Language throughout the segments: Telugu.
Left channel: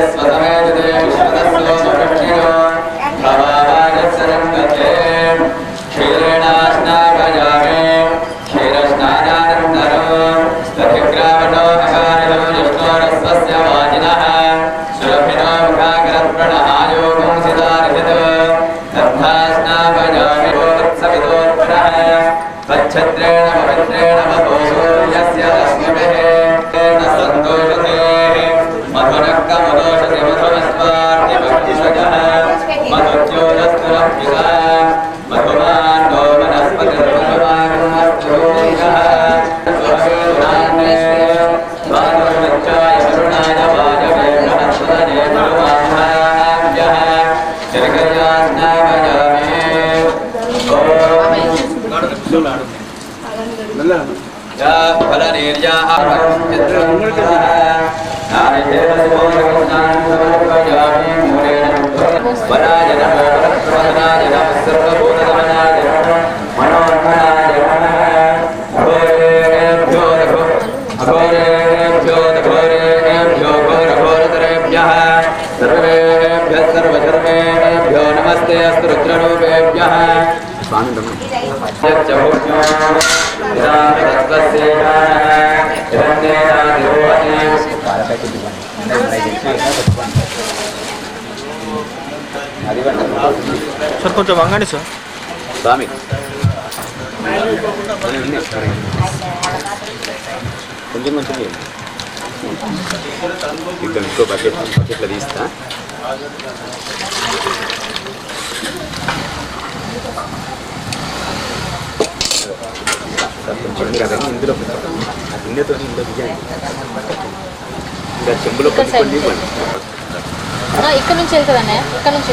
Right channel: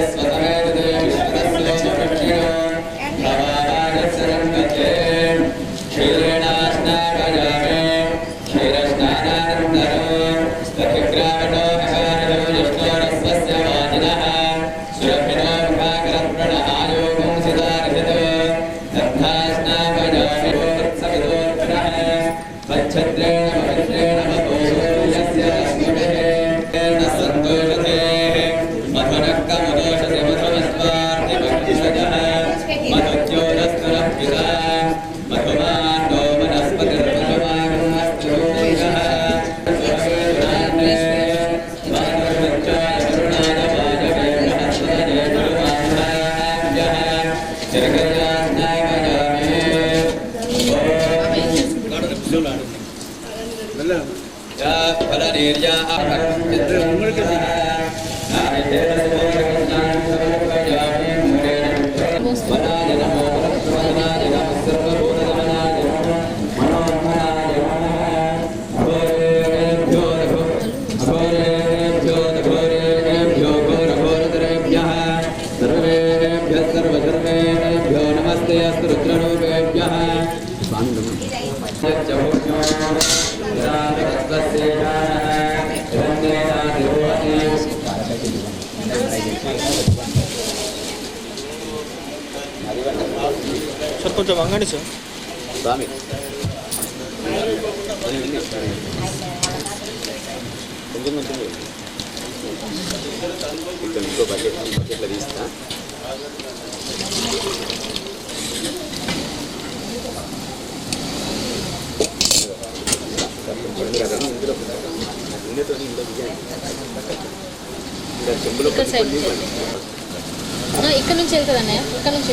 सर కొంచెం వంగండి సార్ స్వామి కొంచెం కొంచెం ఇక్కడ ఇంకో బకెట్లో తీస్తా కొంచెం కదండి ఇందులో ఆ గిన్నెతో ఇందులో దిగాను ఇంకా చెంబులో ఇక్కడ నుంచి వెళ్తుందనే ఇక్కడ నుంచి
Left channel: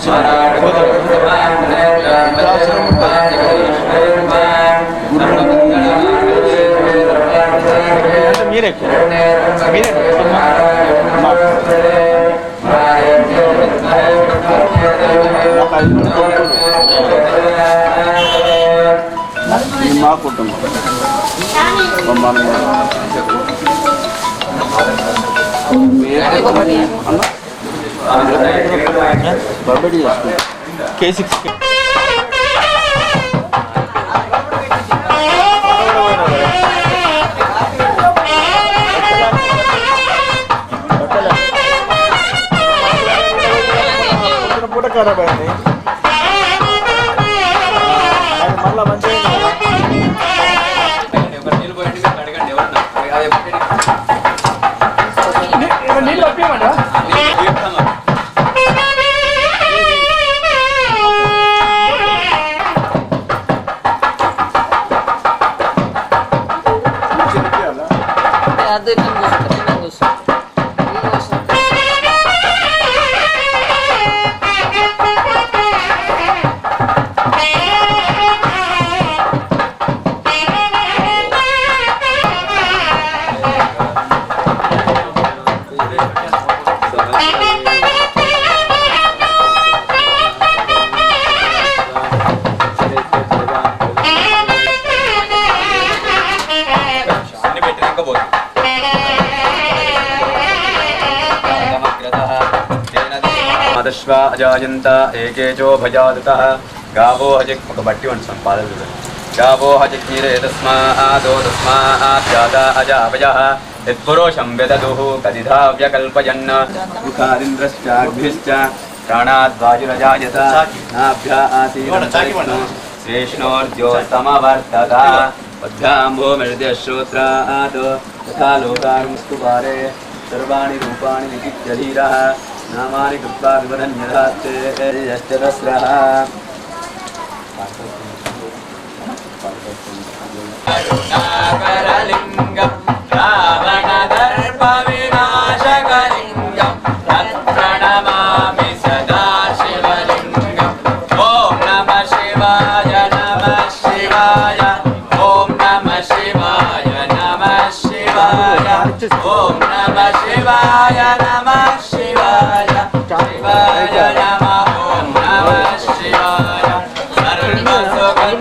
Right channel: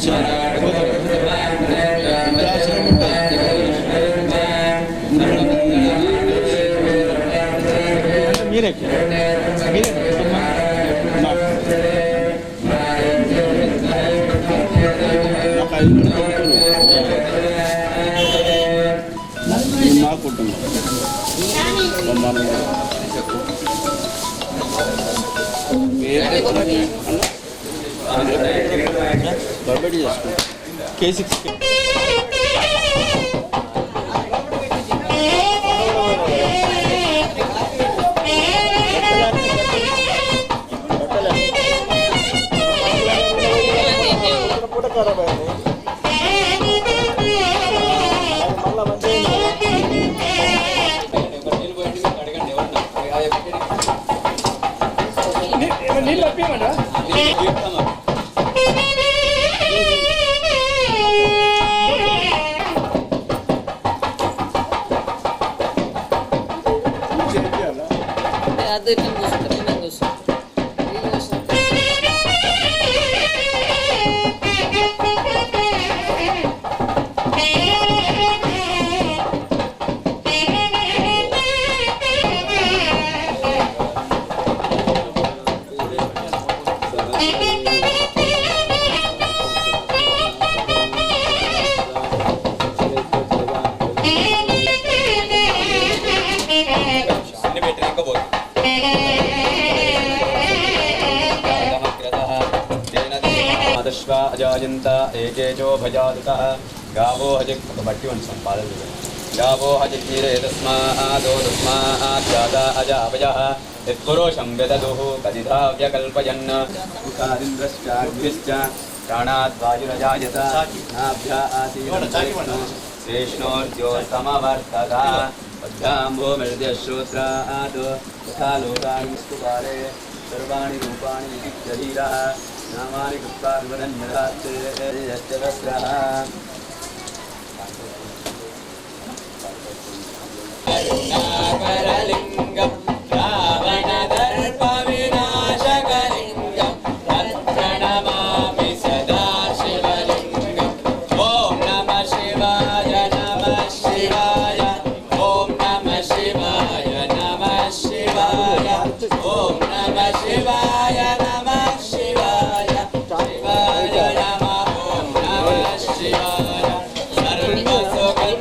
అవసరం అవసరం ఉంటుంది. మీరే మీరే నాకు 5 కొడుకులు మా కుటుంబం బర్బడి చేసుకుంటాం K6 పూట ఖరాబ్ అయింది మళ్ళీ మంచిగా నీళ్ళు పంపించమంటా అది కూర్చో మదశ్వ అజాయంత ఏకేచో భజాదుతః గావో హజక్ ఒక బట్టి వంటి సంపాదన గావో హజగ్నిరే తస్మాదో తస్మాద్జాతా అజావయః యత్పురుషం వెదదుః కదిధా వ్యకల్పయన్ ముఖాదింద్రశ్చాగ్భిశ్చ ప్రాణాద్వాయురజాయత నాభ్యా ఆసీన శ్రేష్ణోర్జ్యోతమవర్తత పద్భ్యాంభోమిర్ద్యశ్రోత్రాత్ తథా లోకారుస్తు పారే సర్వాణి రూపాణి విజిత్యధీరః నామాని కృత్వా వివరణ్యధాత్తే యశ్చరస్రః కరుణాకరలింగం రావణదర్ప వినాశకలింగం తత్ప్రణమామి సదా శివలింగం ఓం నమః శివాయ నమః శివాయ ఓం నమః శివాయ నమః శివాయ ఓం నమః శివాయ నమః శివాయ శివాయ నమః ఓం నమః శివాయ సర్వసుఖం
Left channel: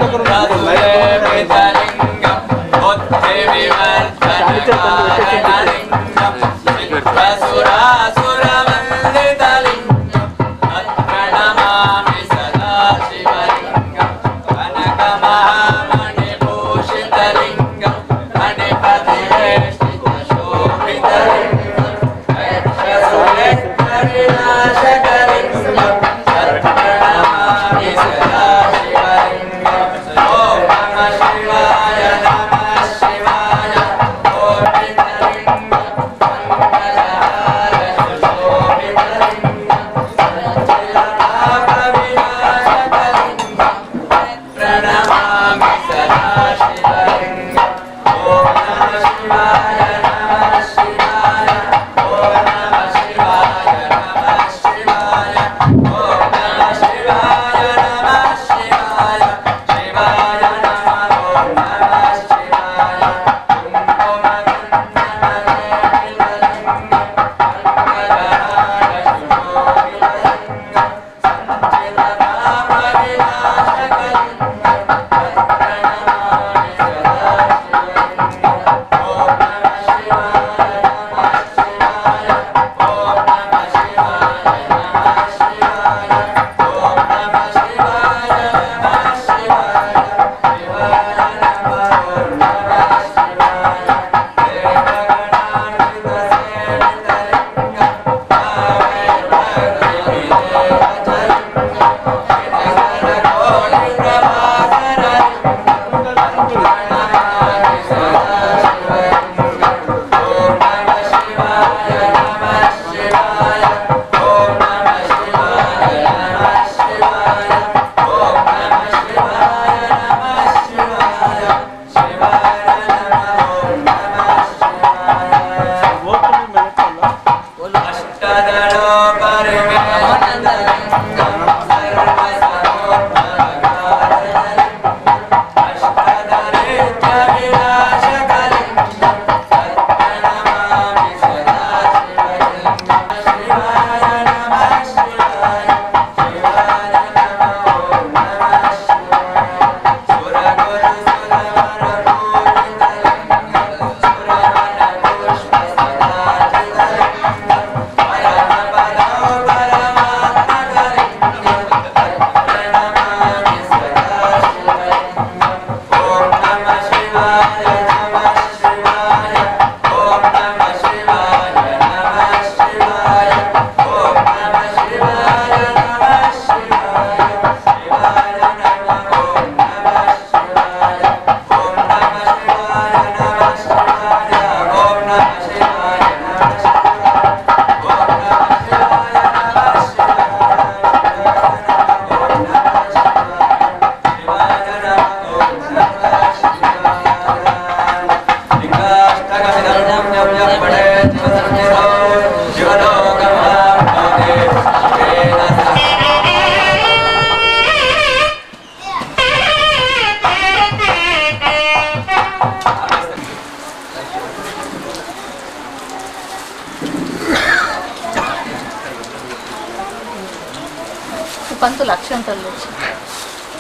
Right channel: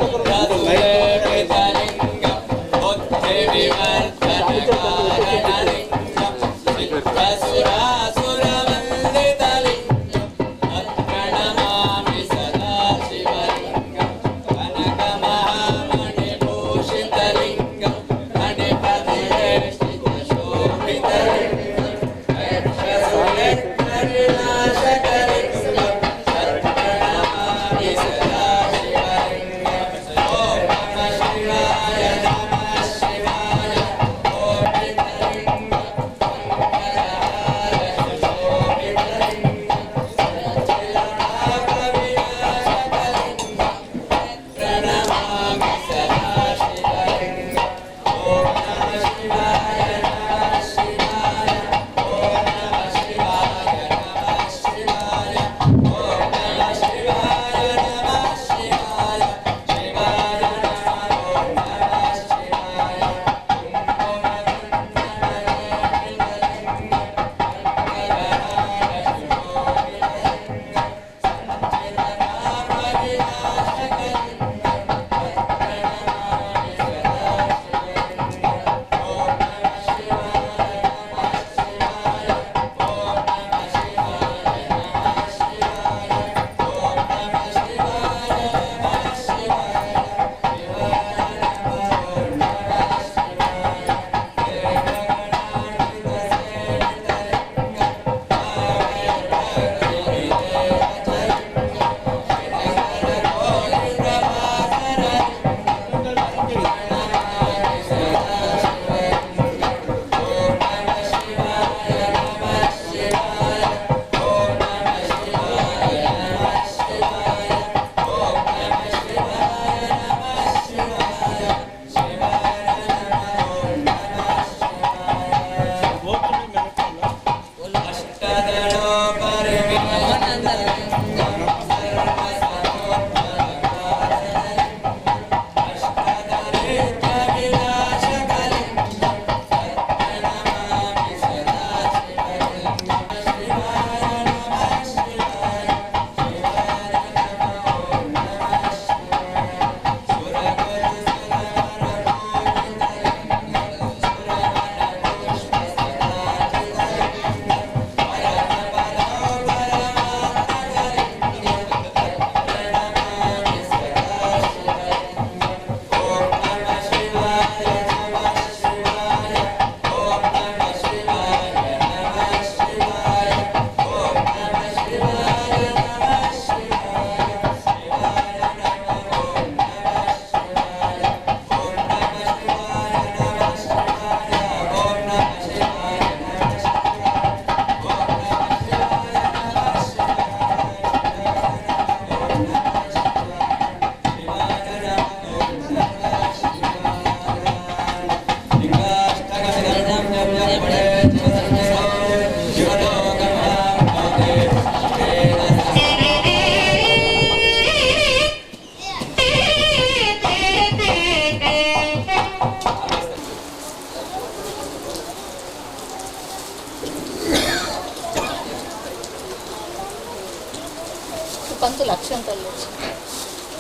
పంతులు అక్షంతలు వచ్చి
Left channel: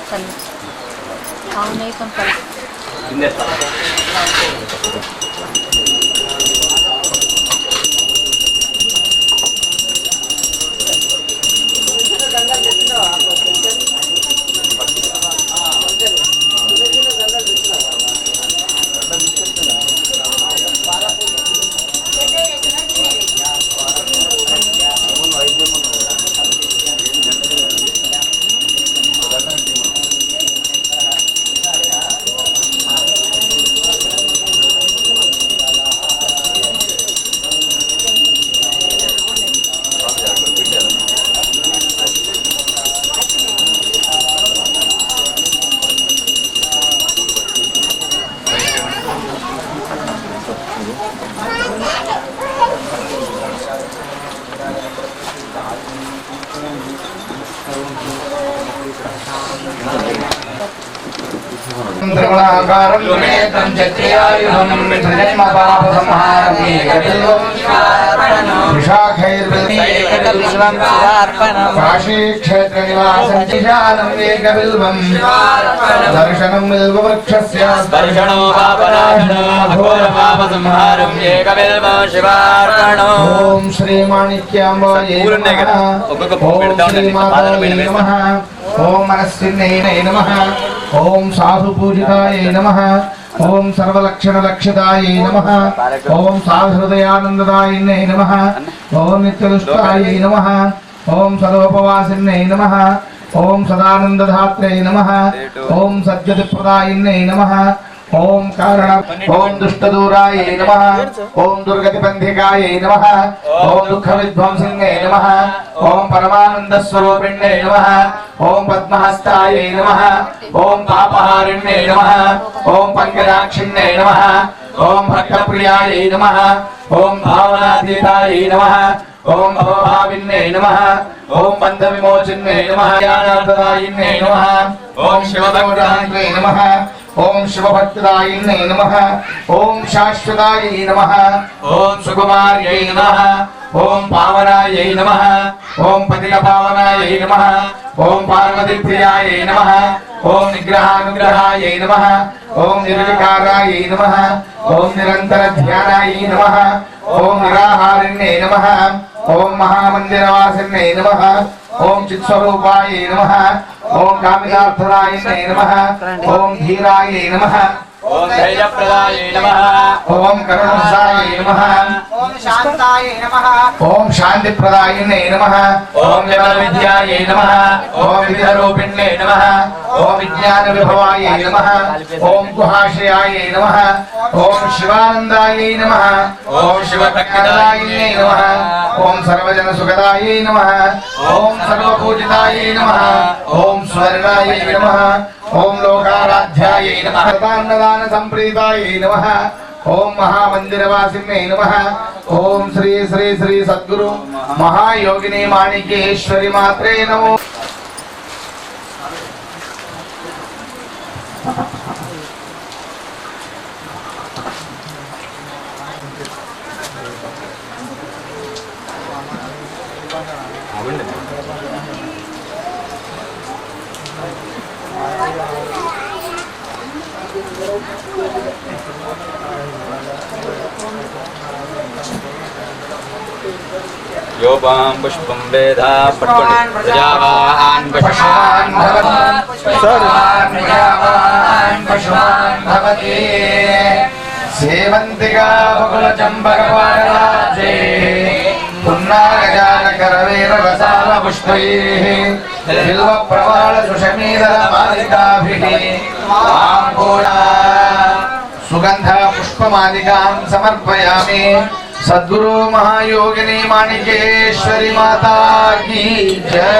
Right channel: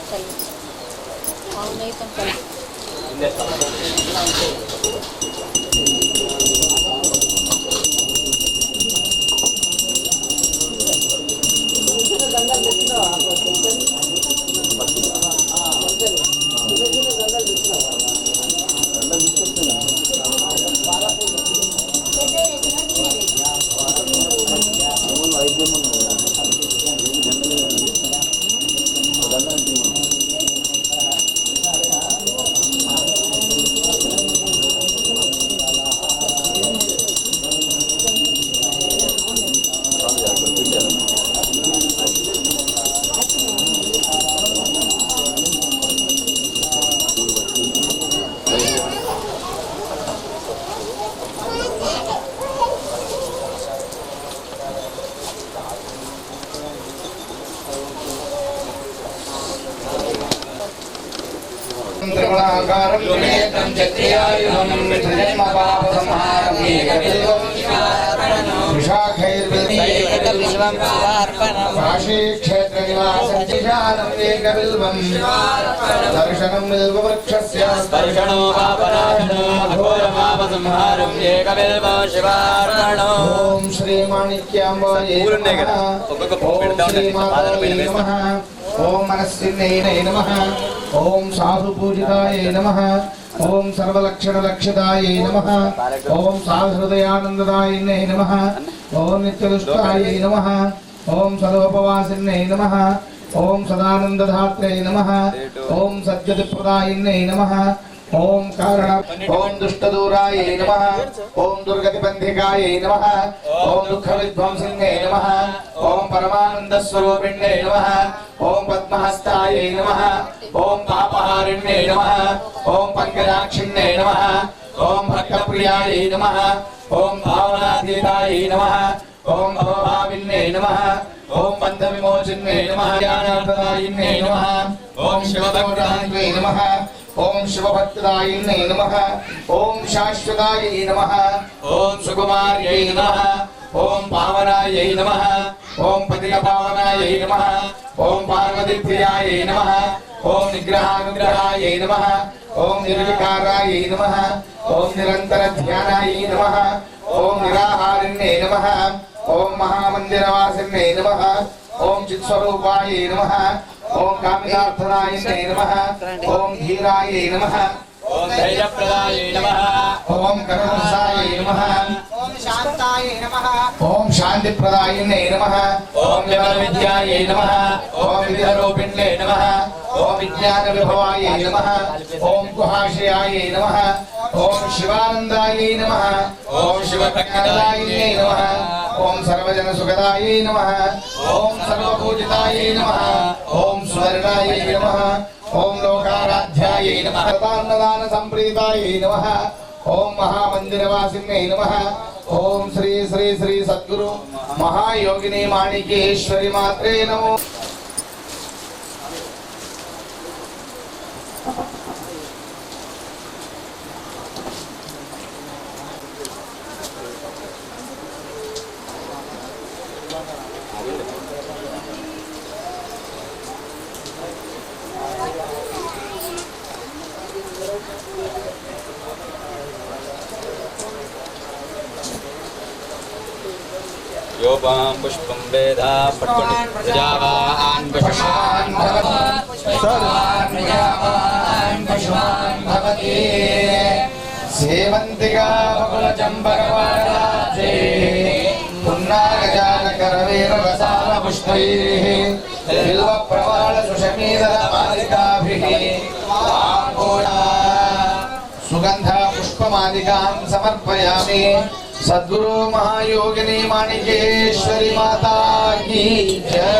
తల్లి అవునైతే తల్లి त्रिगुणाकारं त्रिनेत्रं चक्रियायुधं त्रिजन्म पाप संहारं एकबिल्वं त्रिशाखैर्बिल्वं काशी क्षेत्र निवासं चिशानं एकबिल्वं दर्शनं बिल्ववृक्षस्य स्पर्शनो पापनाशनो घोर पाप संहारं एकबिल्वं शिवार्पणो ओम श्री माणिक्यांबायै नमः ओम श्री मातायै नमः ओम मनस्विन्यै नमः ओम साधु पूजितायै नमः ओम सर्वलक्षण लक्षितायै नमः ओम साधुहृदयानन्ददायिन्यै नमः ओम नित्यदुष्टायै नमः ओम सर्वोपवासिन्यै नमः ओम सदानन्दधात्र्यै नमः ओम सद्गतिप्रदायिन्यै नमः ओम कारण ओम दुष्टदूरायै नमः ओम दुर्गतिबन्धिकायै नमः ओम दुःखविध्वंसिन्यै नमः ओम परमानन्दस्वरूपिण्यै नमः ओम पद्महस्तायै नमः ओम पापहारिण्यै नमः ओम पंकजाक्षिण्यै नमः ओम भक्तप्रियायै नमः ओम भावनातीतायै नमः ओम भवभाविन्यै नमः ओम बन्धविमोचिन्यै नमः ज्ञानाप्रदायिन्यै नमः ओम शिवभक्तायै नमः ओम शिवभक्तदायिन्यै नमः ओम शाश्वतायै नमः ओम सुकुमार्यै नमः ओम पावनायै नमः ओम पतितपावनायै नमः ओम पार्वतीप्रियायै नमः ओम निग्रहानुग्रहायै नमः ओम निर्विकारायै नमः ओम निरन्तरध्यानायै नमः ओम निराहारिण्यै नमः ओम महामन्दिरवासिन्यै नमः ओम चित्स्वरूपायै नमः ओम कामितार्थदायिन्यै नमः ओम धीरायै नमः ओम धैर्यप्रदायै नमः ओम करुणसायै नमः ओम शांतायै नमः ओम शान्तिप्रदायिन्यै नमः ओम विमलविद्यायै नमः ओम विद्यारूपिण्यै नमः ओम विज्ञानविभवायै नमः ओम गुहाशयायै नमः ओम शिवानन्दायै नमः ओम शिवभक्तदायिन्यै नमः ओम सर्वजनसुखदायै नमः ओम सर्वपूजितायै नमः ओम स्वर्णायै नमः ओम लोकाराध्यायै नमः अन्नदान संप्रीतायै नमः ओम महामंदिरवासिन्यै नमः ओम श्री श्री श्री सद्गुरु महायोगिनी माणिकेश्वरी मात्रे नमो योबां पुष्पं वेदा पट्कोंडि प्रजावान् पशुमान् पशुमान् भवति सेवन्तिका बकुलचम्पकपाटलाब्जे पुन्नागजानकरवीररसालपुष्पैः बिल्वप्रवालसुषमीदलमालिकाभिः आम्भूला सुगन्ध पुष्पमालिकां समर्पयामि। सद्गुरु महायोगिनी माणिकेश्वरी माता की जय।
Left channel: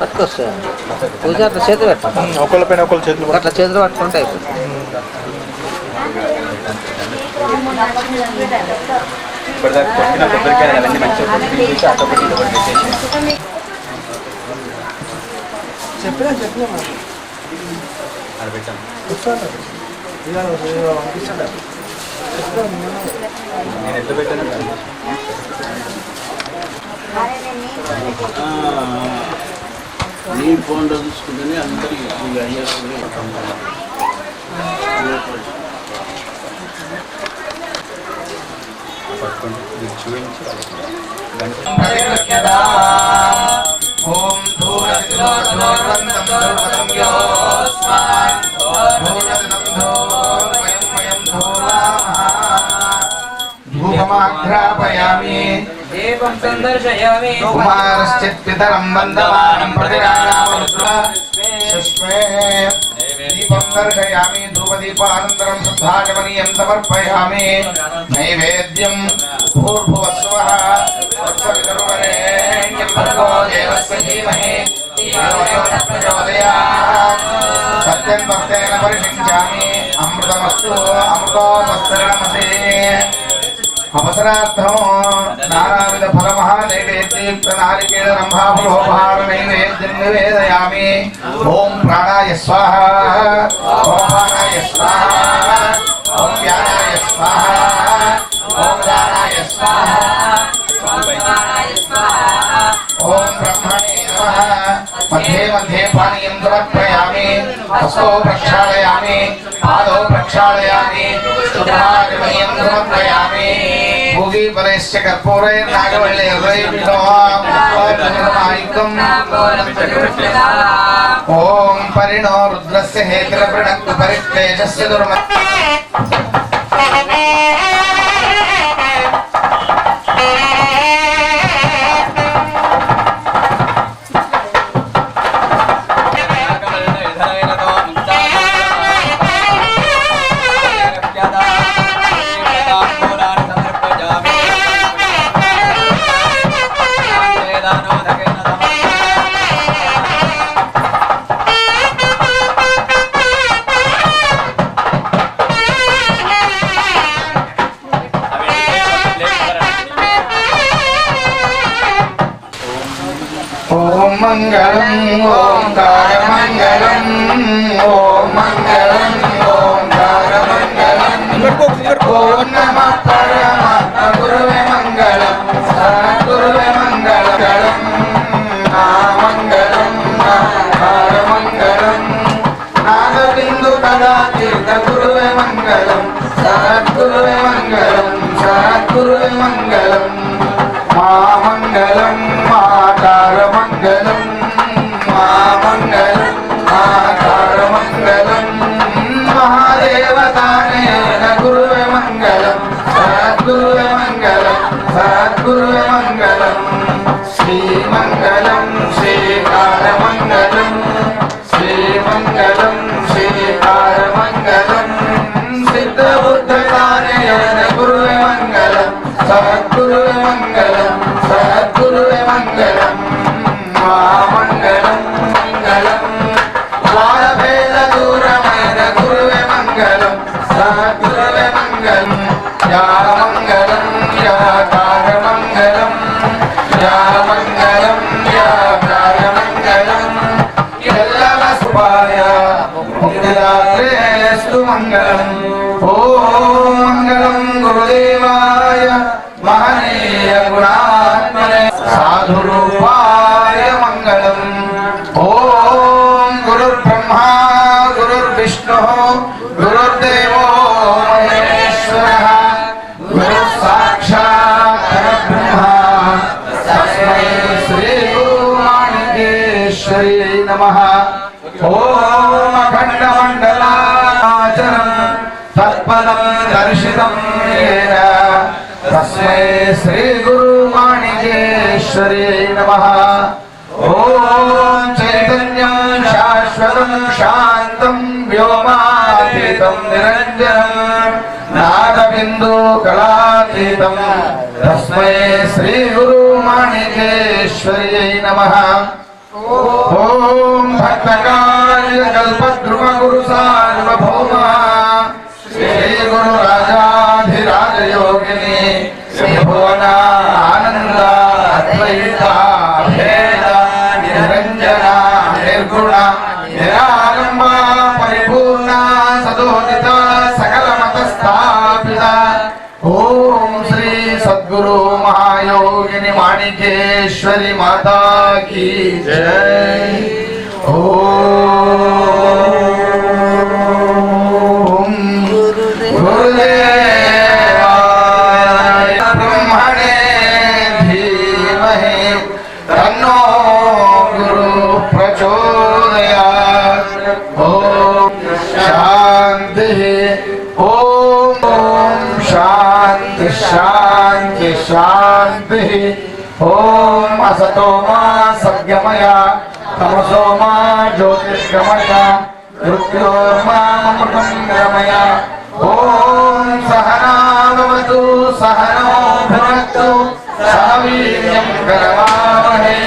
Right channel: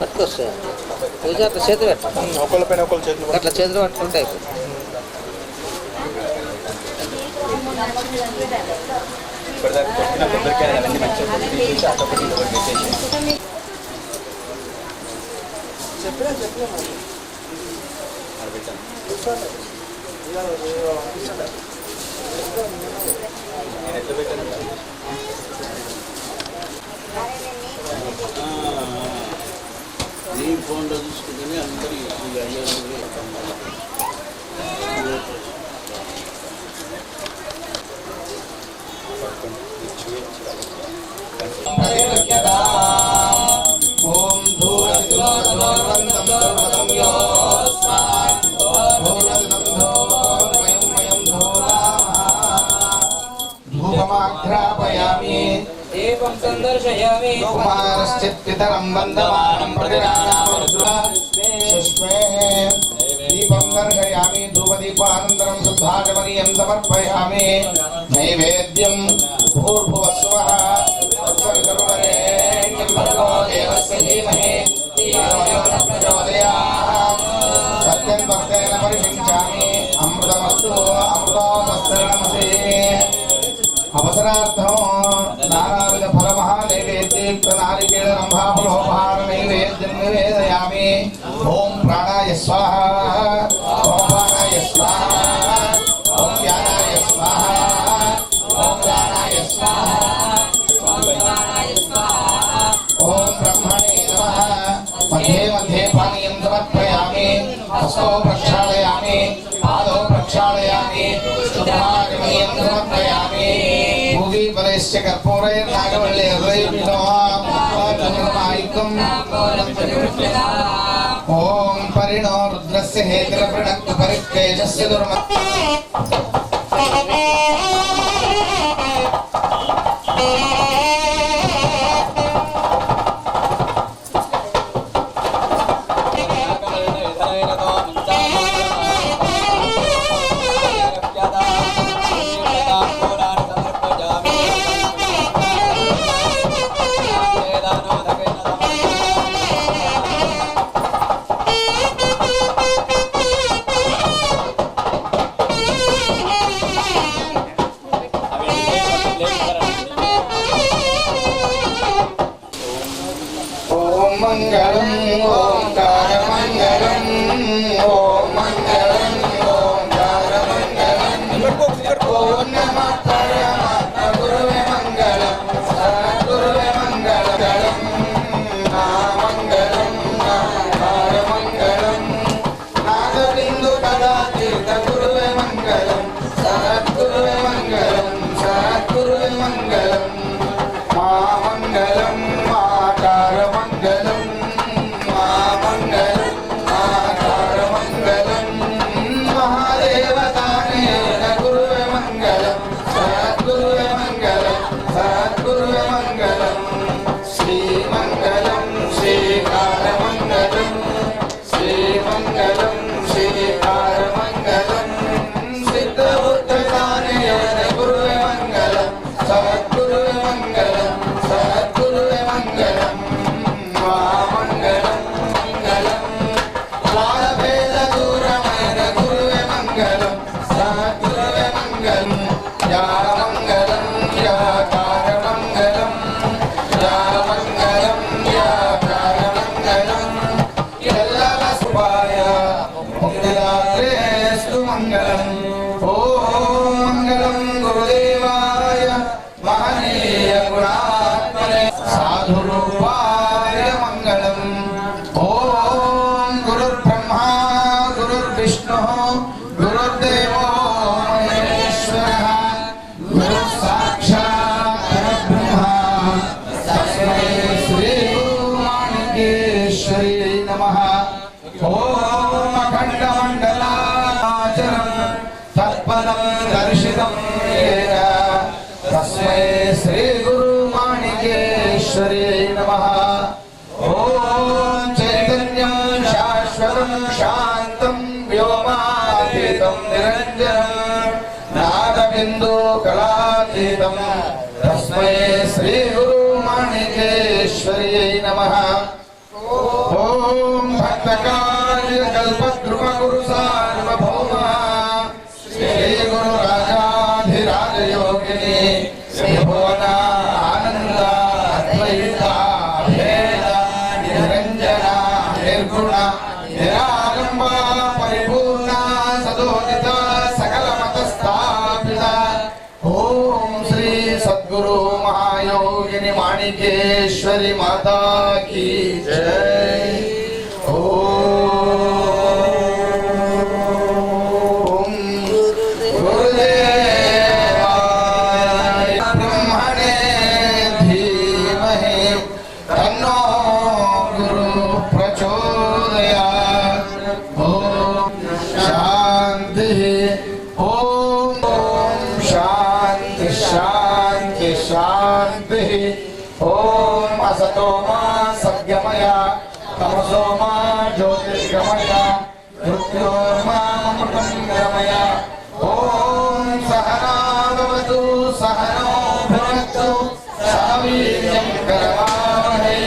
పట్టుకో సార్ పూజ అట్లా చేతులు పెట్టు ఒకళ్ళపైన ఒకళ్ళు చేతులు అట్లా చేతులు పట్టుకుంటే అయిపోతుంది. ఇప్పటిదాకా కొట్టిన కొబ్బరికాయలు అవన్నీ మంచిగా కొట్టి అటొకటి ఇదొకటి పెట్టేసి ఆడ పెట్టాము. నేను ఎంత పెట్టాను నీ ఫోన్లో చూసుకుంటేనే అందరికీ అయ్యేస్తుంది. పట్టుకోండి మీరు చూపించి ఓం ధూరవంతం ధూర్వతం యోస్మాన్ ధూరవం ధూర్వయం వయం ధూరామః ధూపమాఘ్రాపయామి దీపం సందర్శయామి కుమారశ్చిత్ పితరం వందమానం ప్రతిరాణామరుద్రశ్మే దీపం దర్శయామి ధూపదీపానంతరం శుద్ధాచమనీయం సమర్పయామి నైవేద్యం భూర్భువస్వః తత్సవితుర్వరేణ్యం భర్గో దేవస్య ధీమహి ధియో యో నః ప్రచోదయాత్ సత్యం భక్తేన పరిషించామి అమృతమస్తు అమృతోపస్తరణమసి అవసరార్థం నానావిధ ఫలమహా నైవేద్యయుక్త నారికేళ రంభాఫలోపహార నైవేద్యం నివేదయామి. ఓం ప్రాణాయ స్వాహ, ఓం ప్రాణాయ స్వాహ, ఓం వ్యానాయ స్వాహ, ఓం దానాయ స్వాహ, ఓం బ్రహ్మణే నమః. మధ్యే మధ్యే పానీయం సమర్పయామి. హస్తో ప్రక్షాళయామి, పాదౌ ప్రక్షాళయామి, శుద్ధాచమనీయం సమర్పయామి. భూగీపరైశ్చ కర్పూరైర్నాగవల్లేర్వైర్విష్ణోమాయుక్తం ఓం పరిణో రుద్రస్య హేతిరప్రణక్తు పరిక్లేశస్య దుర్మ ఓం మంగళం ఓంకారమంగళం ఓం మంగళం ఓంకారమంగళం ఓం నమః పరమాత్మ గురువే మంగళం సద్గురువే మంగళం నామంగళం నామంగళం నాదబిందు కళా తీర్థ గురువే మంగళం సద్గురువే మంగళం సద్గురువే మంగళం మా మంగళం మాకారమంగళం మా మంగళం మాకారమంగళం మహాదేవతానేన గురువే మంగళం సద్గురువే మంగళం సద్గురువే మంగళం శ్రీమంగళం శ్రీకారమంగళం శ్రీమంగళం శ్రీకారమంగళం సిద్ధబుద్ధతానేన గురువే మంగళం సద్గురువే మంగళం సద్గురువే మంగళం మా మంగళం మంగళం ద్వారభేద దూరమైన గురువే మంగళం సద్గురువే మంగళం యా మంగళం యా కారమంగళం యా మంగళం యా కారమంగళం ఎల్లవ సుభాయ ముక్తిదాత్రేస్తు మంగళం. ఓం మంగళం గురుదేవాయ మహనీయ గుణాత్మనే సాధురూపాయ మంగళం. ఓం గురుర్బ్రహ్మా గురుర్విష్ణు గురుర్దేవో మహేశ్వరః గురుః సాక్షాత్ పరబ్రహ్మ తస్మై శ్రీ గురుమాణికేశ్వరీ నమః. ఓం అఖండమండలాచలం తత్పదం దర్శితం येन తస్మై శ్రీ గురుమాణికేశ్వరీ నమః. ఓం చైతన్యం శాశ్వతం శాంతం వ్యోమాతీతం నిరంజనం నాదబిందు కళాతీతం తస్మై శ్రీ గురుమాణికేశ్వరీ నమః. ఓం భక్తకార్య కల్పద్రుమ గురు సార్వభౌమ శ్రీ గురు రాజాధిరాజ యోగిని శ్రీ భువన ఆనంద అద్వైత భేద నిరంజన నిర్గుణ నిరాలంబ పరిపూర్ణ సదోదిత సకల మత స్థాపిత शांति शांति। ओम असतो मा सद्गमय तमसो मा ज्योतिर्गमय मृत्योर्मामृतं गमय। ओम सहना भवतु सहनो भुनक्तु सह वीर्यं करवावहै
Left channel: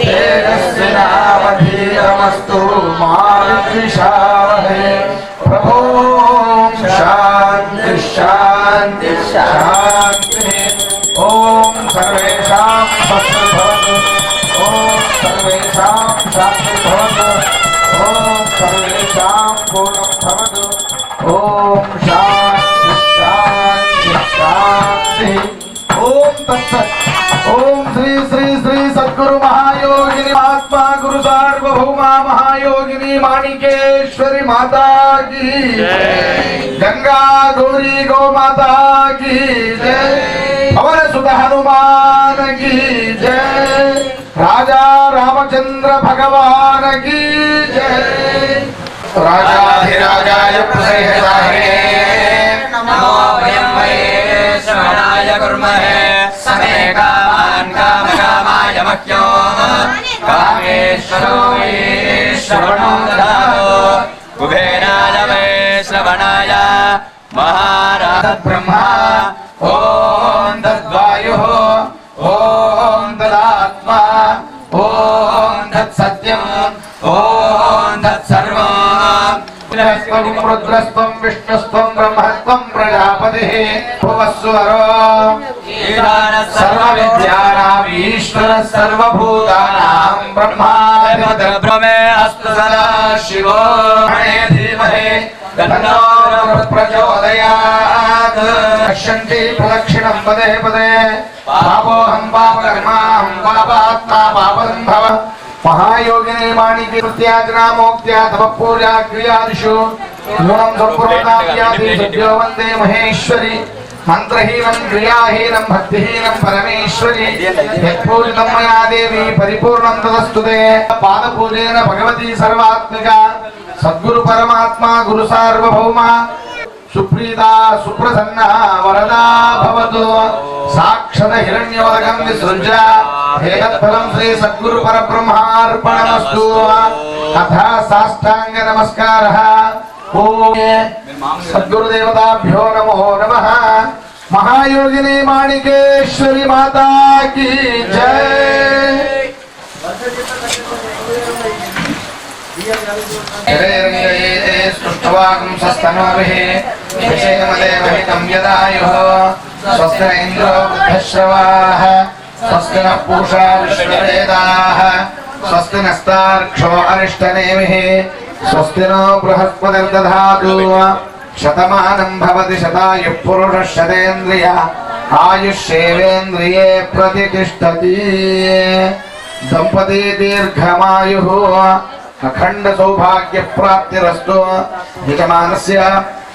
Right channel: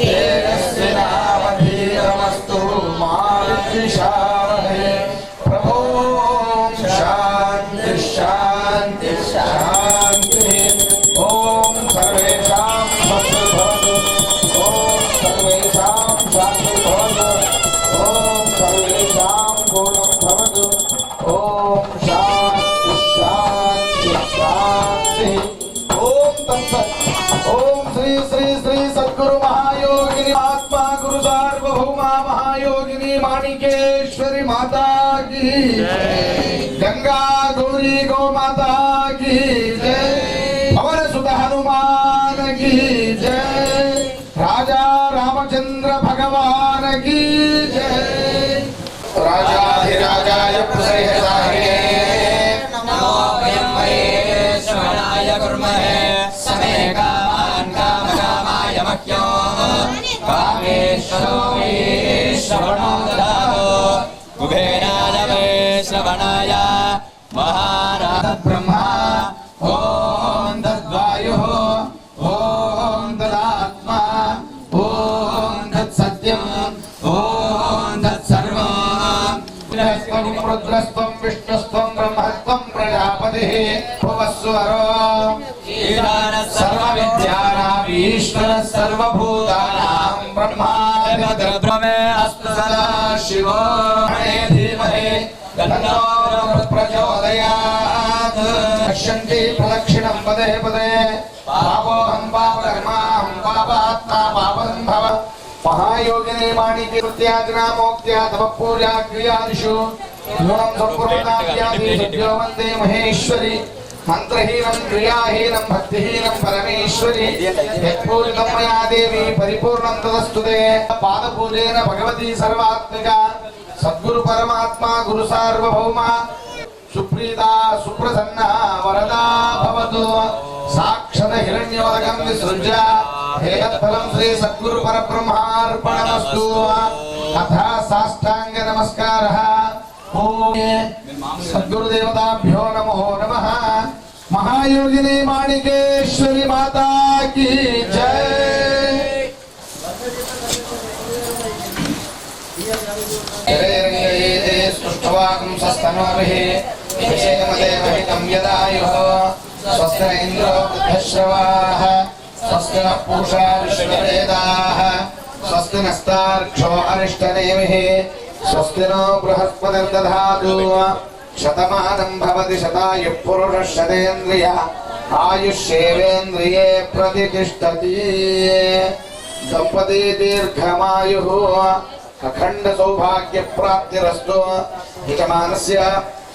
तेजस्विनावधीतमस्तु मा विद्विषावहै। प्रभो शांति शांति शांति। ओम सर्वेषां स्वस्तिर्भवतु। ओम सर्वेषां शान्तिर्भवतु। ओम सर्वेषां पूर्णं भवतु। ओम शांति शांति शांति। ओम तत्सत्। ओम श्री श्री श्री सद्गुरु महायोगिनी महात्मा गुरु सार्वभौमा महायोगिनी माणिकेश्वरी माता की गंगा गौरी गौ माता की जय। पवन सुत हनुमान की जय। राजा रामचंद्र भगवान की जय। राजाधिराजाय प्रसेहसाहे नमो वयं वै श्रवणाय कुर्महे समे कामान् कामकामाय मह्यो कामेश्वरो वै श्रवणो ददातु कुबेराय वै श्रवणाय महाराज ब्रह्मा ओम तद्वायुः ओम तदात्मा ओम तत्सत्यम् ओम तत्सर्वम्। रुद्रस्त्वं विष्णुस्त्वं ब्रह्मस्त्वं प्रजापतिः भुवस्वरो सर्वविद्यानां ईश्वरः सर्वभूतानां ब्रह्माधिपतिर्ब्रह्मे अस्तु सदा शिवो धीमहि तन्नो प्रचोदयात्। पश्यन्ति प्रदक्षिणं पदे पदे पापोऽहं पापकर्माहं पापात्मा पापसम्भव। महायोगिनी माणिके प्रत्याजना मोक्त्या तप पूजा क्रियादिषु नूनं संपूर्णताभ्यादिषु वन्दे महेश्वरी। मंत्रहीनं क्रियाहीनं भक्तिहीनं परमेश्वरी यत्पूजितं मया देवी परिपूर्णं तदस्तु ते। पादपूजेन भगवती सर्वात्मिका सद्गुरु परमात्मा गुरु सार्वभौमा सुप्रीता सुप्रसन्ना वरदा भवतु। साक्षात् हिरण्योदकं विसृज्य एतत्फलं श्री सद्गुरु परब्रह्मार्पणमस्तु। अथा साष्टांग नमस्कारः। ओम सद्गुरुदेवताभ्यो नमो नमः। महायोगिनी माणिकेश्वरी माता की जय। स्तुष्टवागं सस्तनोभिः विषेमदेवहितं यदायुः स्वस्ति न इन्द्रो वृद्धश्रवाः स्वस्ति नः पूषा विश्ववेदाः स्वस्ति नस्तार्क्ष्यो अरिष्टनेमिः स्वस्ति नो बृहस्पतिर्दधातु। शतमानं भवति शतायुः पुरुषः शतेन्द्रिय आयुष्येवेन्द्रिये प्रतिष्ठति। दंपती दीर्घमायुः अखंड सौभाग्य प्राप्तिरस्तु। यजमानस्य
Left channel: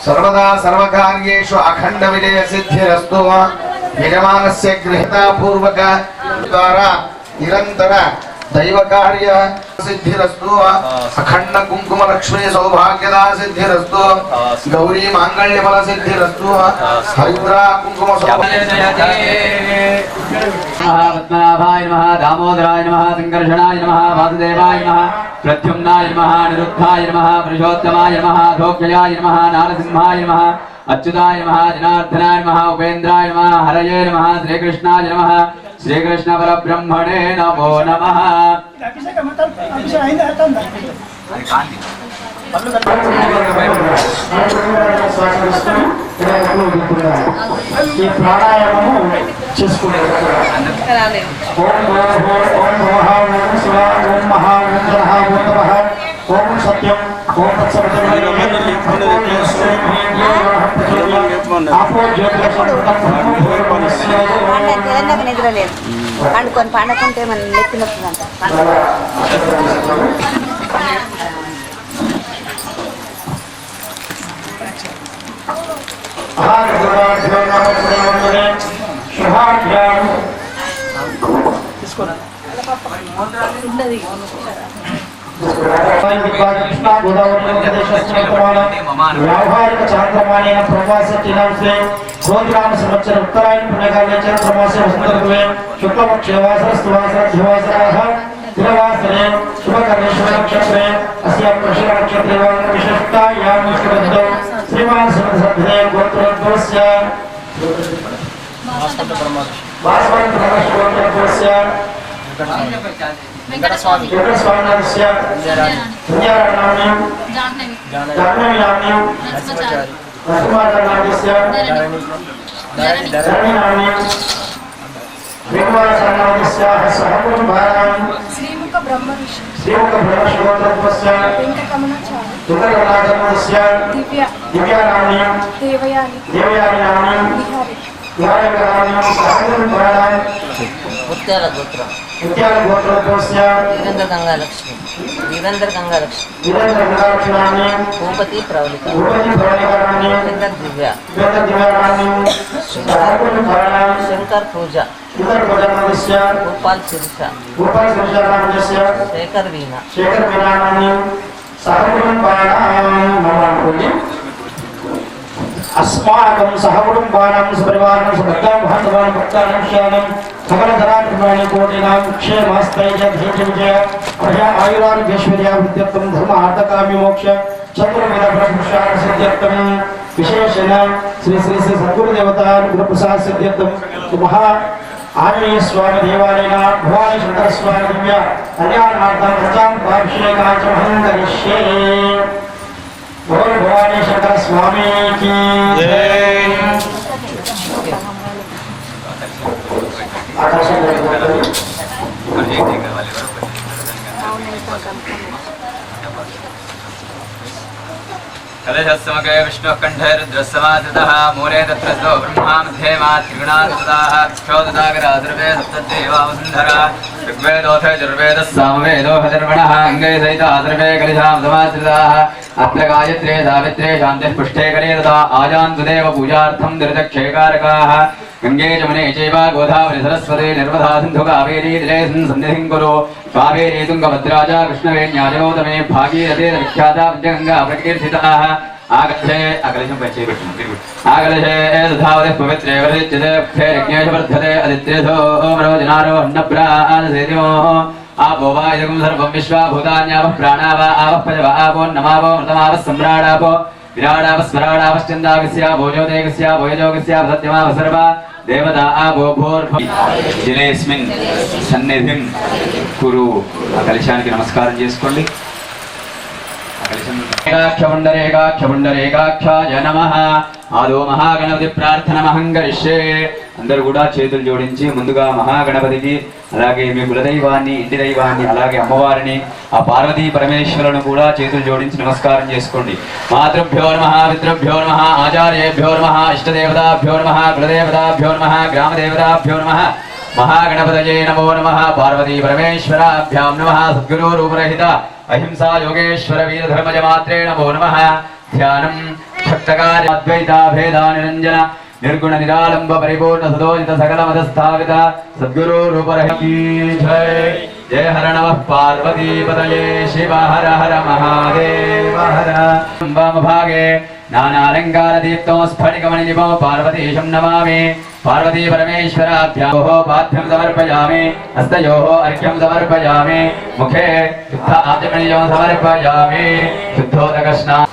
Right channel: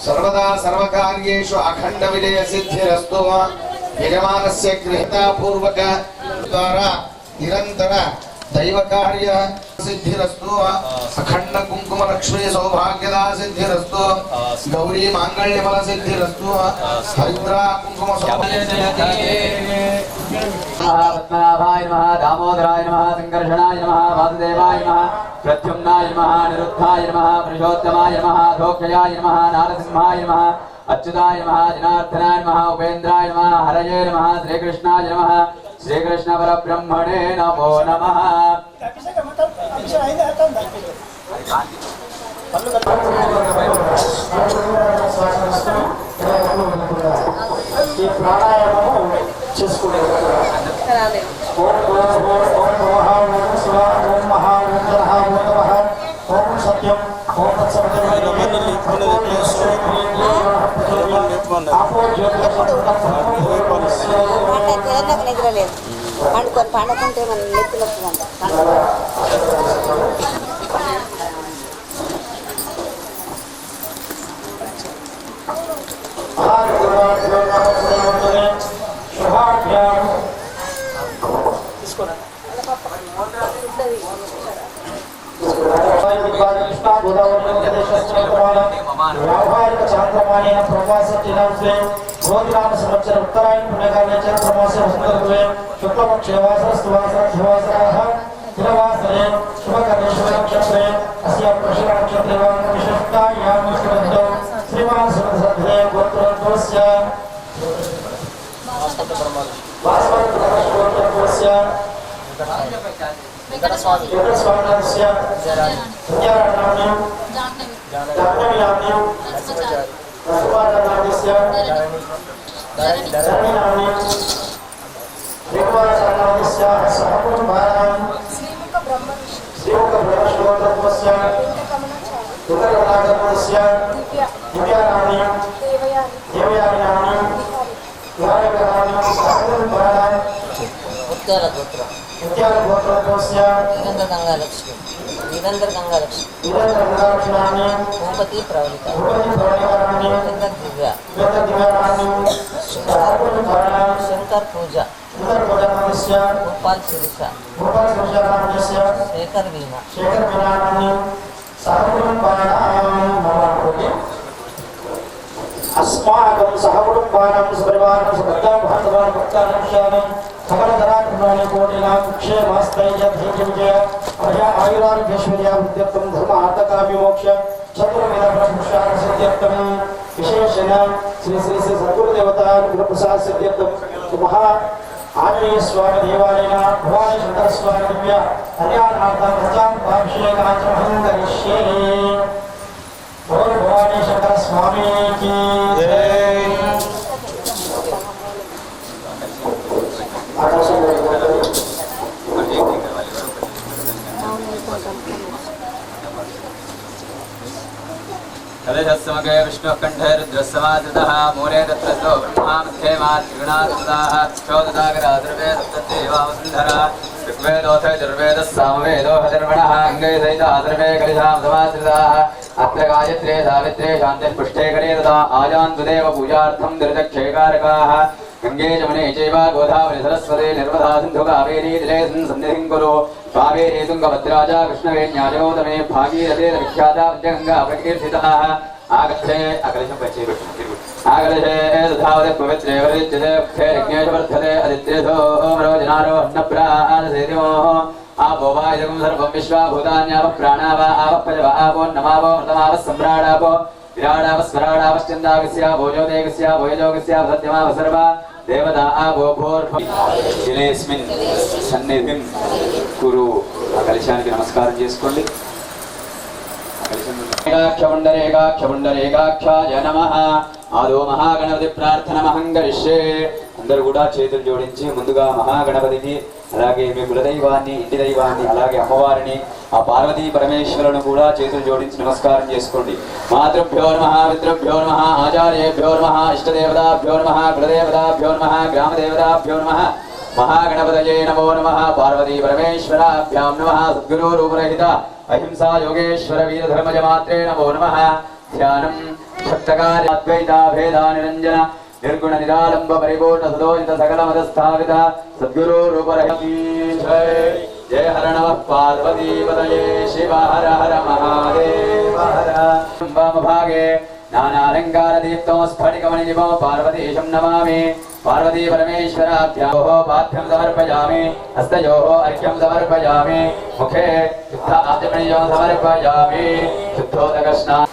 सर्वदा सर्वकार्येषु अखंड विजय सिद्धिरस्तु। यजमानस्य गृहीता पूर्वक द्वारा निरंतर दैव कार्य सिद्धिरस्तु। अखंड कुंकुम लक्ष्मी सौभाग्यदा सिद्धिरस्तु। गौरी मांगल्य फल सिद्धिरस्तु। हरिद्रा कुंकुम पद्मनाभाय नमः दामोदराय नमः संकर्षणाय नमः वासुदेवाय नमः प्रद्युम्नाय नमः निरुद्धाय नमः पुरुषोत्तमाय नमः धोक्षयाय नमः नारसिंहाय नमः अच्युताय नमः जनार्दनाय नमः उपेन्द्राय नमः हरये नमः श्रीकृष्णाय नमः श्रीकृष्ण परब्रह्मणे नमो नमः। ఈ ప్రాణాయామము చేసుకుంటారు. ఓం మహా ఓం జనః ఓం తపః ఓం సత్యం ఓం తత్సవితుర్వరేణ్యం తెలంగాణ నిద్ర లేదు పండుకొని పండకుంటే మన నెత్తి నొప్పుదంట. व्यावहारिक चांद्रमानेन प्रवास 3 संवत्सर उत्तरायण चैत्रमासे वसन्तऋतुवे शुक्लपक्षे वासरस्तु वासरद्धिवासराः तिरवासरे शुभकर्णेश्वरनक्षत्रे अस्यां कृषिनक्षत्रे विशिष्टायां विष्णुवृद्धौ श्रीमान् श्रीमद्सद्धे गोत्रोद्भवस्य वासवन्तब्रह्मगोत्रोद्भवस्य वेङ्कटस्वामिनाथस्य विद्याराणाम्नीं जाह्नवीनाम्नीं नरसिंहाचार्यस्य धरणीनाम्नीं श्रीकुमारसारनाथस्याः सहकुटुम्बानां श्रीमुखब्रह्मश्रीगोत्रोद्भवस्य वेङ्कटकमलाचार्यस्य दिव्यानाम्नीं देवयानीनाम्नीं विहारकराम्नीं सहकुटुम्बानां ముత్యాల గోత్రం गोत्रोद्भवस्य వీరేంద్ర గంగాలక్ష్మి वीरेन्द्रगंगालक्ष्मी భూపతి ప్రవళిక दिव्या శంకర్ పూజ గోపాల్ శిరీష శేఖర్ వీణ अस्माकं सहकुटुम्बानां सपरिवाराणां सभक्तां बान्धवानां भक्तानां श्यामं सकलधरात्मनानि कोटिनां क्षेमस्थैर्यधैर्यविजय अभय आयुरारोग्यैश्वर्याभिवृद्ध्यर्थं धर्मार्थकाम्य मोक्ष चतुर्वेदफलपुरुषार्थसिद्ध्यर्थं विशेषेण श्री श्री श्री सद्गुरुदेवता गुरुप्रसाद सिद्ध्यर्थं महा आंजनेय स्वामी देवालयेन भवानी शंकर स्वामी दिव्य कल्याणार्थं प्रजाभिषेकार्थं करिष्ये। बोल भवानी शंकर स्वामी की जय। कलशस्मगे विष्णुः कंठे रुद्रस्समाश्रितः मूले तत्र स्थो ब्रह्मा मध्ये मा त्रिगुणात्मताः क्षोददागराधर्वे सप्तदेवावसुन्धरा ऋग्वेदोऽथ यजुर्वेदः सामवेदो हधर्वणः अङ्गे सहिता अधर्वे कलिशां समाश्रिताः अत्र गायत्रे सावित्रे शान्तिः पुष्टे करे तथा आजान्तुदेव पूजार्थं दुर्दक्षेकारकाः गंगे जमुने चैव गोदावरी सरस्वती नर्मदा सिन्धु कावेरी जलेऽस्मिन् सन्निधिं कुरु कावेरी तुङ्गभद्रा च कृष्णवेण्याजगौतमे भागीरथी विख्याता पञ्चगङ्गा प्रकीर्तिताः आगच्छे अकलशं पश्ये आकलशे तथावतिः पवित्रे वर्धिच्यते उक्थे यज्ञेश वर्धते अदित्येधो रोजनारो अन्नप्रासेतिमो आपो वा इदं सर्वं विश्वा भूतान्यावः प्राणा वा आवः पजव आपो नमावो मृतमावः सम्राडापो विराडावस्मराडावश्चन्दागस्य भोजोदेगस्य भोजोगस्य सत्यमाव सर्वा देवता आपो भूर्भुवः जलेऽस्मिन् सन्निधिं कुरु। कलशाనికి నమస్కారం చేసుకోండి। ఏకాక్షపుండరేకాక్షపుండరేకాక్షాయ నమః। ఆదో మహాగణపతి ప్రార్థనమహం కరిష్యే। అందరూ కూడా చేతులు జోడించి ముందుగా మహాగణపతికి అలాగే మీ కులదైవాన్ని ఇంటి దైవాన్ని అలాగే అమ్మవారిని ఆ పార్వతీ పరమేశ్వరులను కూడా చేతులు జోడించి నమస్కారం చేసుకోండి। మాతృభ్యో నమః పితృభ్యో నమః ఆచార్యేభ్యో నమః ఇష్టదేవతాభ్యో నమః కులదేవతాభ్యో నమః గ్రామదేవతాభ్యో నమః महागणपतये नमो नमः। पार्वती परमेश्वराभ्यां नमः। सद्गुरु रूपरहित अहिंसा योगेश्वर वीरधर्मज मात्रे नमो नमः। ध्यानं भक्तकार्य अद्वैता भेदा निरंजन निर्गुण निरालंब परिपूर्ण सदोजित सकल मद स्थापित सद्गुरु रूपरहित की जय। जय हर नमः पार्वती पतये शिव हर हर महादेव हर। वाम भागे नानालंकार दीप्तो स्फटिकमणिनिभो पार्वतीशं नमामि। पार्वती परमेश्वराभ्योः पाद्यं समर्पयामि। हस्तयोः अर्घ्यं समर्पयामि। मुखे शुद्ध आचमनीयं समर्पयामि। शुद्धोदकस्नानं